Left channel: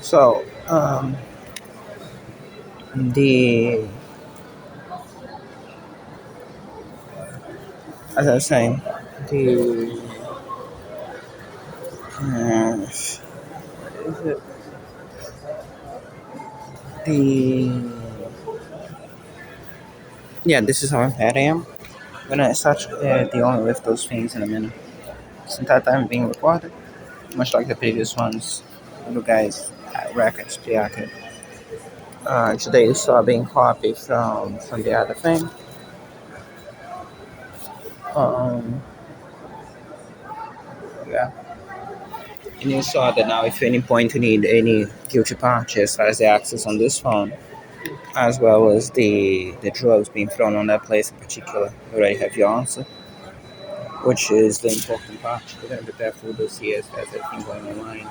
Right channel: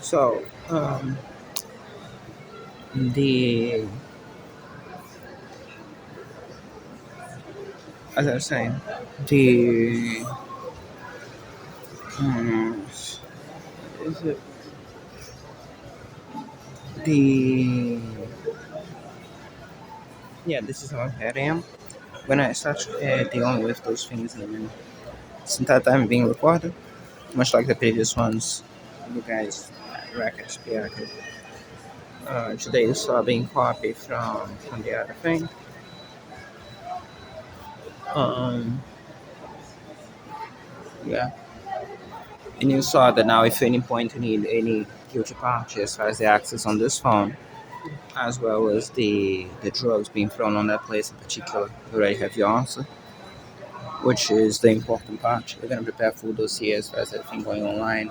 So, the as I was saying, the is it the yeah, this is how bad I am. When I start dealing with those things in a minute, since that time being recorded, much like the previous ones, you guys records reacted. Today you saw being copied from the other thing. Um, yeah. And you saw that now if any point you need any guilty party as far as the access on this phone, as well as the drugs being thrown on that place in particular, you already have your answer, which is the important part. We're going to prepare full dossiers as everything going online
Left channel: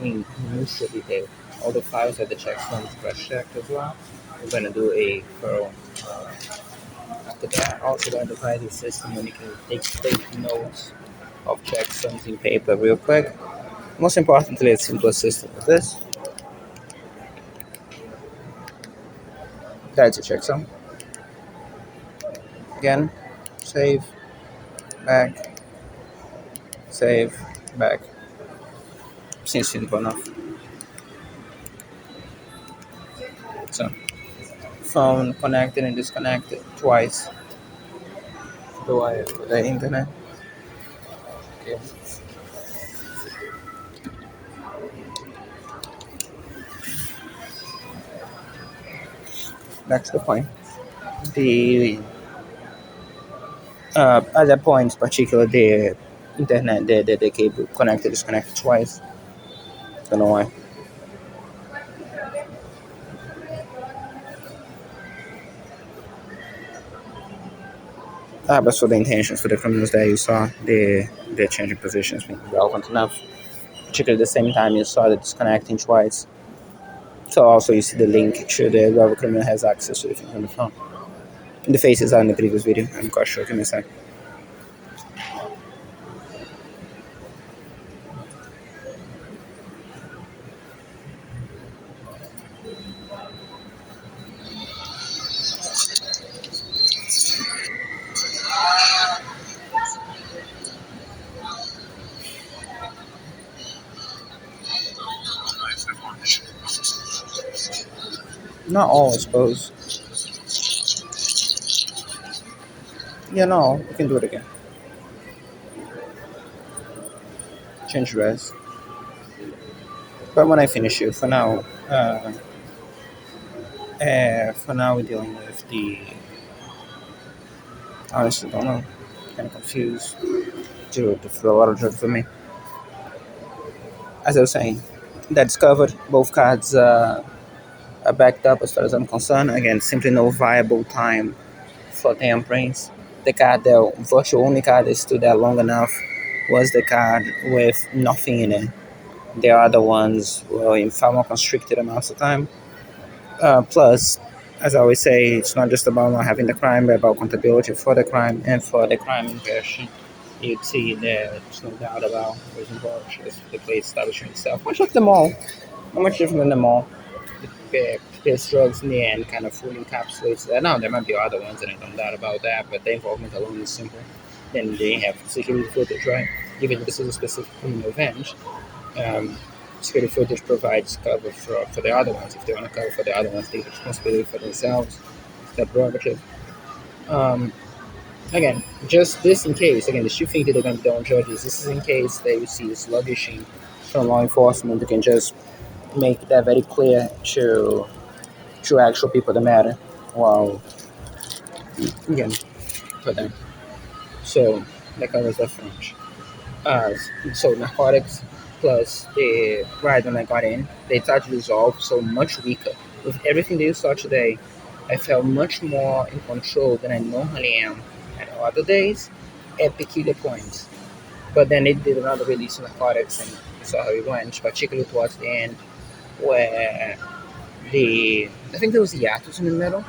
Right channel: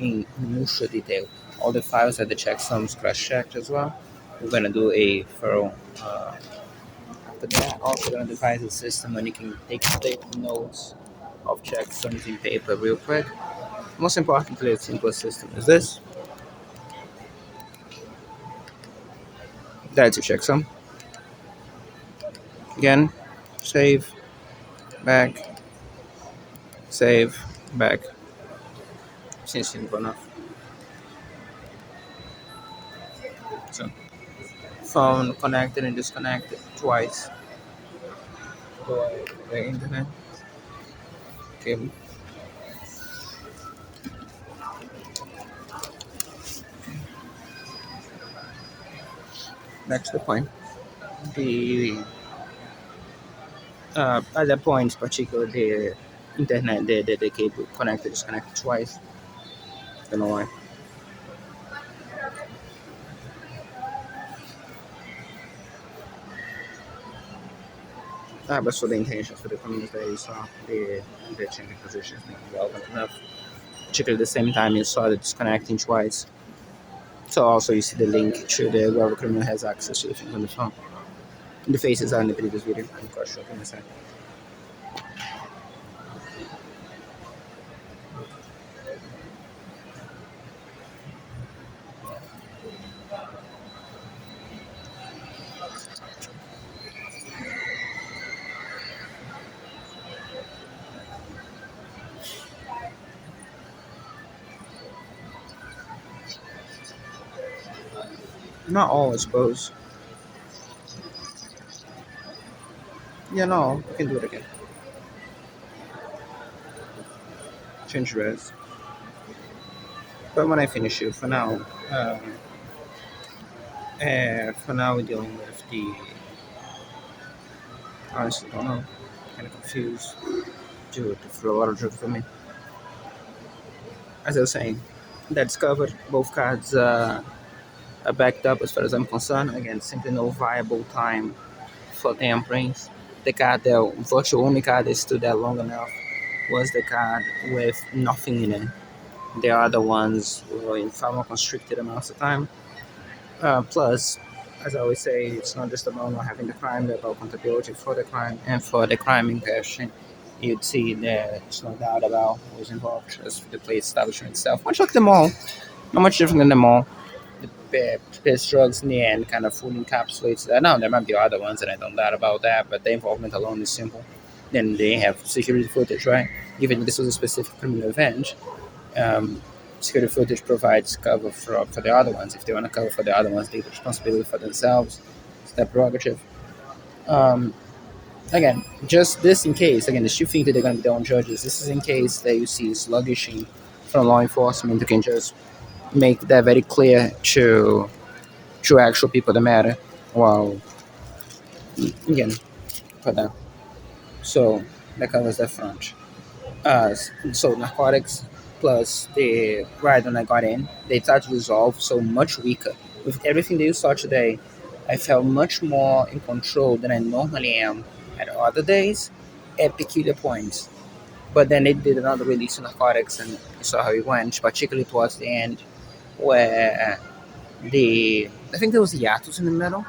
in minutiae detail. All the files that the checksums crash-checked as well. We're going to do a thorough after that. Also going to devise a system when you can take notes of checksums in paper real quick. Most importantly, a simple system as this. That's a checksum. Again, save, back, save, back. Seems simple enough. So, phone connected and disconnected twice to the internet. Okay, that's the point. The at that point, particularly the internet, the cable connected disconnected twice. Don't know why. But so the intentions for the criminals that you saw, the changing positions being relevant enough. Particularly at the same time you saw the disconnecting twice. So also you see the link to the whoever criminal has access to the thing on the phone. The faces are in the previous video. I'm quite sure. Give me a sec. Not all, I suppose. Yeah, no, you can do it again. Change res. But when I finish it, for now we're dealing with the. I honestly don't know. Kind of confused. To throw a lot of drugs for me. As I was saying, that's covered. Both cards are backed up as far as I'm concerned. Again, simply no viable time for tamperings. The card, the virtual only card that stood there long enough was the card with nothing in it. The other ones were in far more constricted amounts of time. Plus, as I always say, it's not just about not having the crime, but about accountability for the crime and for the crime in question. You'd see that there's no doubt about who was involved, just the place establishment itself, much like the mall, not much different than the mall. There's drugs in the end kind of fully encapsulates that. Now, there might be other ones, and I don't doubt about that, but the involvement alone is simple. Then they have security footage, right? Even if this was a specific criminal event, um, security footage provides cover for the other ones. If they want to cover for the other ones, they take responsibility for themselves. It's their prerogative. Um, Again, just this in case, again, the chief thing that they're going to be on judges, this is in case that you see sluggishing from law enforcement, you can just make that very clear to actual people that matter. Well, again, for them. So that covers that front. So narcotics plus the right when I got in, they started to dissolve so much weaker. With everything that you saw today, I felt much more in control than I normally am at other days at peculiar points. But then they did another release of narcotics and saw how it went, particularly towards the end, where the I think there was a hiatus in the middle.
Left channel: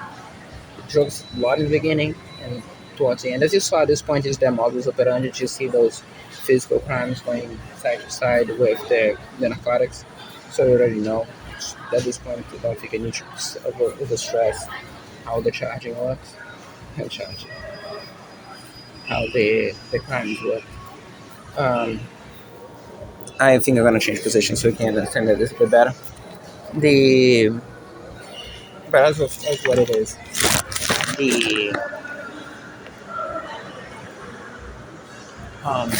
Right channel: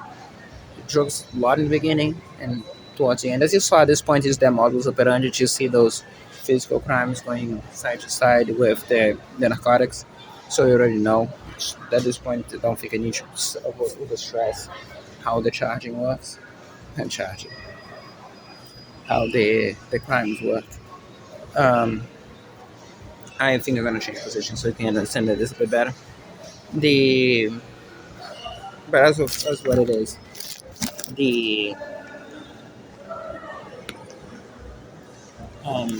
Drugs a lot in the beginning and towards the end. As you saw at this point is their models operandi to see those physical crimes going side to side with the narcotics. So you already know at this point. I don't think I need to over stress how the charging works and charging how the crimes work. Um, I think I'm gonna change position so we can understand it a little bit better. The but that's what it is. The um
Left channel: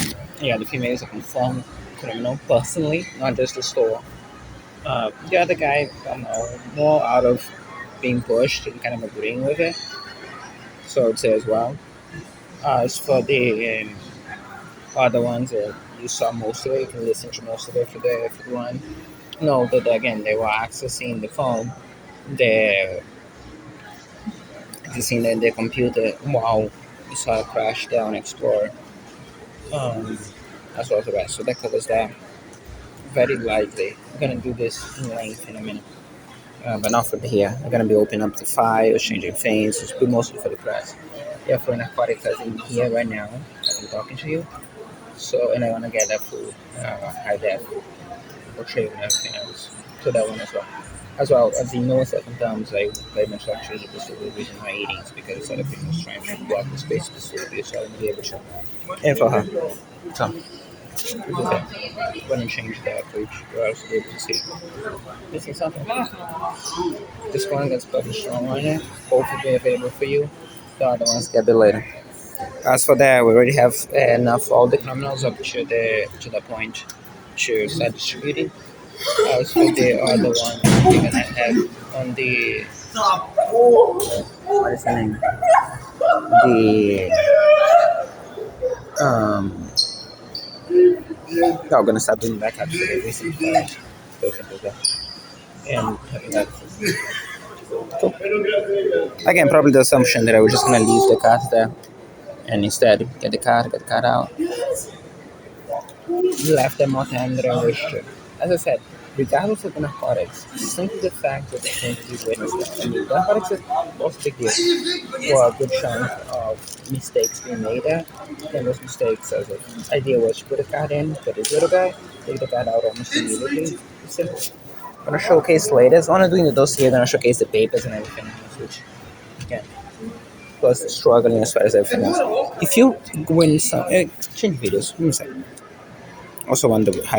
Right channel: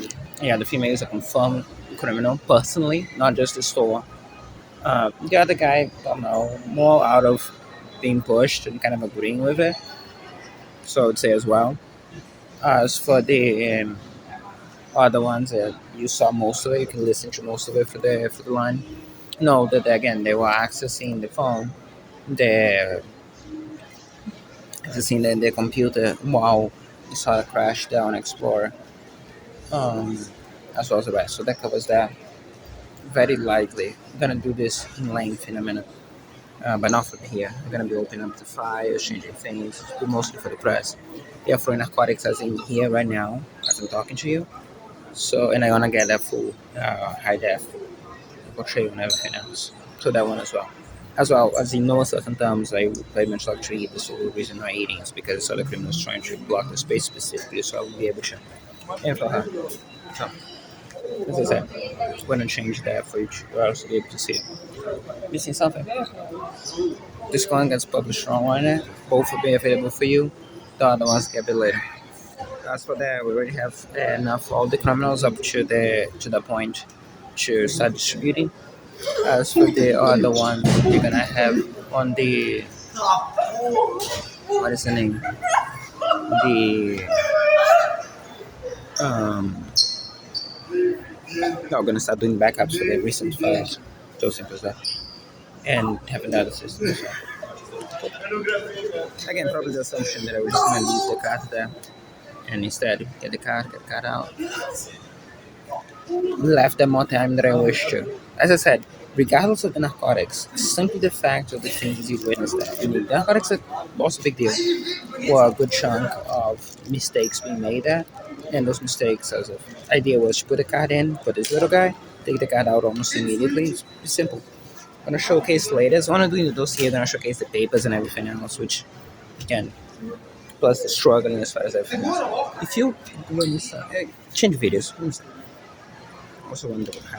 yeah, the female is a confirmed criminal personally, not just the store. The other guy, I don't know, more out of being pushed and kind of agreeing with it. So I'd say as well. As for the other ones, you saw most of it. You can listen to most of it for the line. No, that again they were accessing the phone, the accessing the computer while you saw it crash down Explorer, um, as well as the rest. So that covers that. Very likely, I'm gonna do this in length in a minute. But not for the here. I'm gonna be opening up the files, changing things. It's be mostly for the press. Yeah, for narcotics, as in here right now, as I'm talking to you. So, and I wanna get that full high def portrait and everything else. So that one as well. As well as in no certain terms, I very much like to read this for the reason why eating because other criminals trying to block the space specifically, so I'll be able to info her. So, as I said, I'm gonna change that for each browser so you can see it. You see something? This one gets published on it. Both will be available for you. The other ones get bit later. As for that, we already have enough all the criminals up to the point to start distributing. As for the other one, we're gonna have on the what is the name? The no, we're gonna start doing backups to get missing files. So simple as that. And having that system. Cool. Again, probably the assumption that I was just gonna leave the card there and instead get the card out. Left them more time than I wish to. As I said, regardless of the narcotics, simply the fact of the things that you witnessed there. And the narcotics was a big deal. Or a good chunk of mistakes being made there. And those mistakes, as the idea was to put a card in, put this little guy, take the card out almost immediately. It's simple. I'm gonna showcase later. So when I'm doing the dossier, then I'll showcase the papers and everything else, which again, plus the struggling as far as everything else. If you win some, change videos. Give me a second. Also, wonder how